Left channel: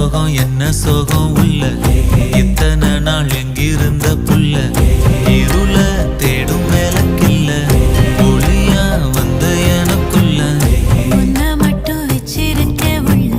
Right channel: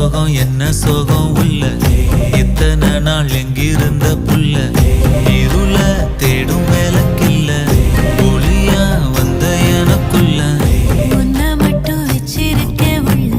சோகம் என்ன சோகம் உள்ள இத்தனை நாள் எங்கிருந்த புல்ல இருள தேடும் வேலைக்கில்ல ஒளியா வந்த எனக்குள்ள உன்னை மட்டும் வச்சிருக்க உள்ள